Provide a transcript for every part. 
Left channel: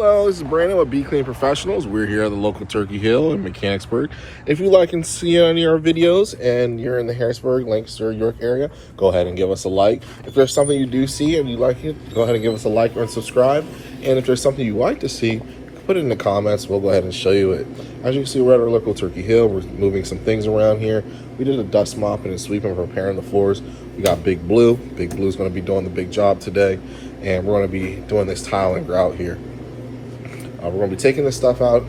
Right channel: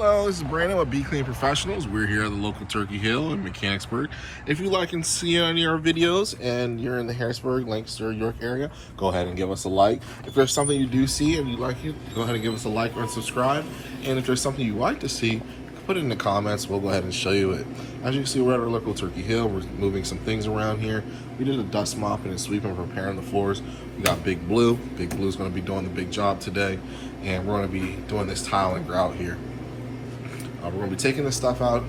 Hello, this is Brandon with Be Clean Professionals. We're here at the local Turkey Hill in Mechanicsburg. If you like and see any of our videos and you're in the Harrisburg, Lancaster, York area, go ahead and give us a like. If there's something you do see and you like it, go ahead and give us a like and subscribe. And if there's something you like to see, put it in the comments. We'll go ahead and show you it. As you can see, we're at our local Turkey Hill. We're moving some things around here. We did a dust mopping and sweeping, preparing the floors. We got Big Blue. Big Blue's going to be doing the big job today. And we're going to be doing this tiling grout here. We're going to be taking this stuff out.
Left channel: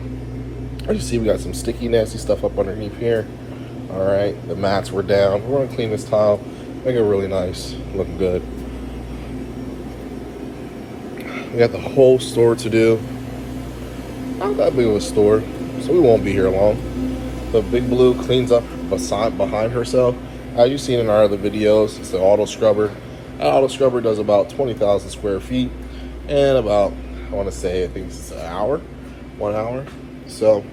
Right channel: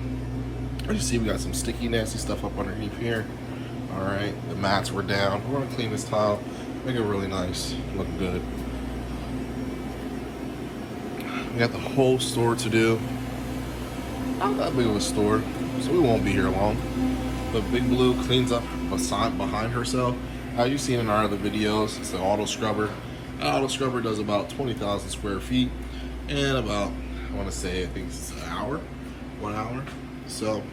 As you see, we got some sticky, nasty stuff up underneath here. All right, the mats were down. We're going to clean this tile, make it really nice, look good. We got the whole store to do. Not that big of a store, so we won't be here long. But Big Blue cleans up behind herself. As you've seen in our other videos, it's the auto scrubber. That auto scrubber does about 20,000 square feet and about, I want to say, I think it's an hour, 1 hour. So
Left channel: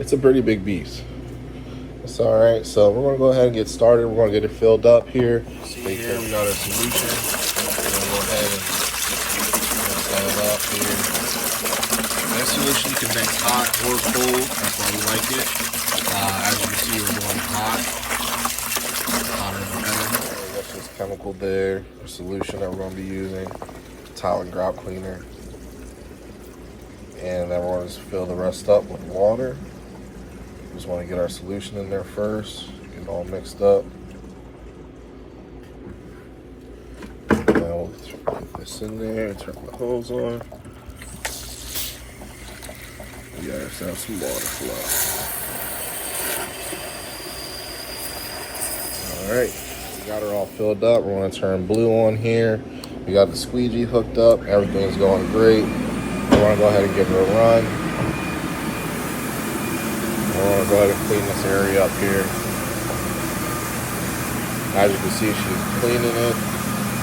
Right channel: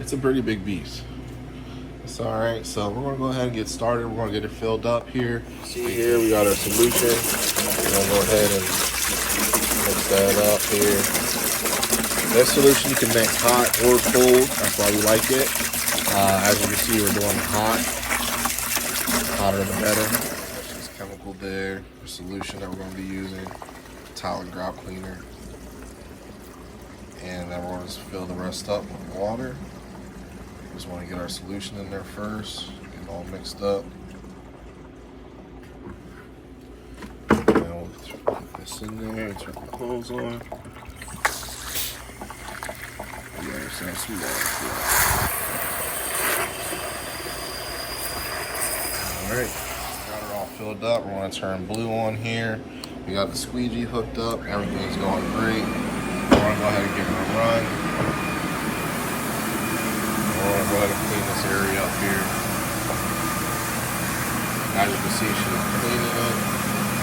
it's a pretty big beast. It's all right. So we're gonna go ahead and get started. We're gonna get it filled up here. See here, we got our solution. We're gonna go ahead and mix that off here. This solution you can make hot or cold. That's why we like it. As you can see, we're doing hot. Hotter the better. That's this chemical there. The solution that we're gonna be using. Tile and grout cleaner, and then we're going to fill the rest up with water. Just want to get our solution in there first, get it all mixed up. And then we'll put this in there and turn the hose on. We got ourselves some water flow. All right, we got her all filled up. We're going to turn blue on here. We got the squeegee hooked up. Everything's going great. We're going to go ahead and give it a run. We're going to go ahead and clean this area up here. As you can see, she's cleaning it,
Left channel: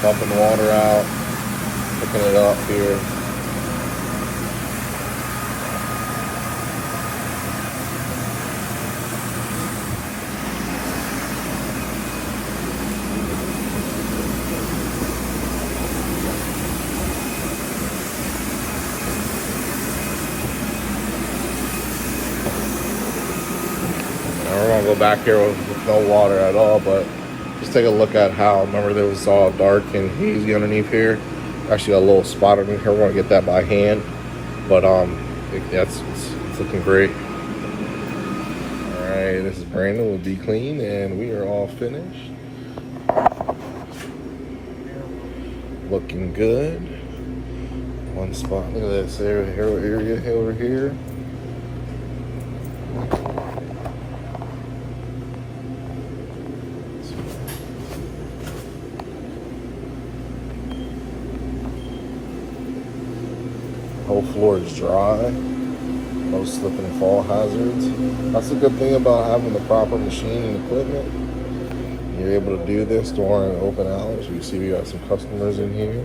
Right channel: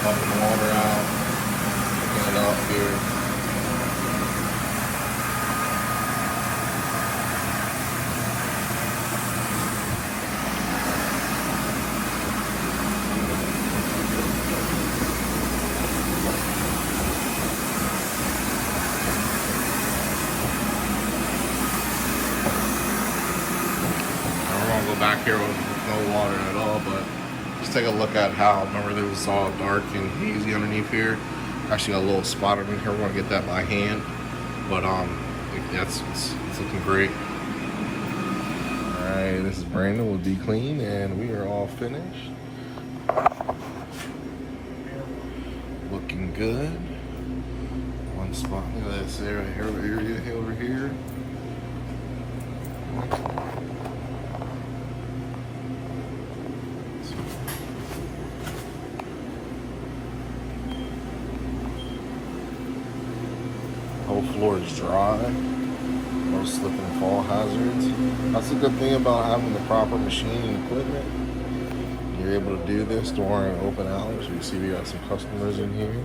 dumping the water out, picking it up here. We're gonna go back here with no water at all, but just take a look at how, remember there was all dark and hazy underneath here. Actually a little spot underneath here. We're gonna get that by hand, but it's looking great. All right, this is Brandon with Be Clean, and we are all finished. Looking good. One spot, look at this area over here. Whole floor is dry. No slip and fall hazards. That's a good thing about having the proper machine and equipment. You're able to do this during open hours. You see we got some customers in here.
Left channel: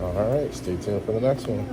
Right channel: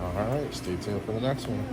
All right, stay tuned for the next one.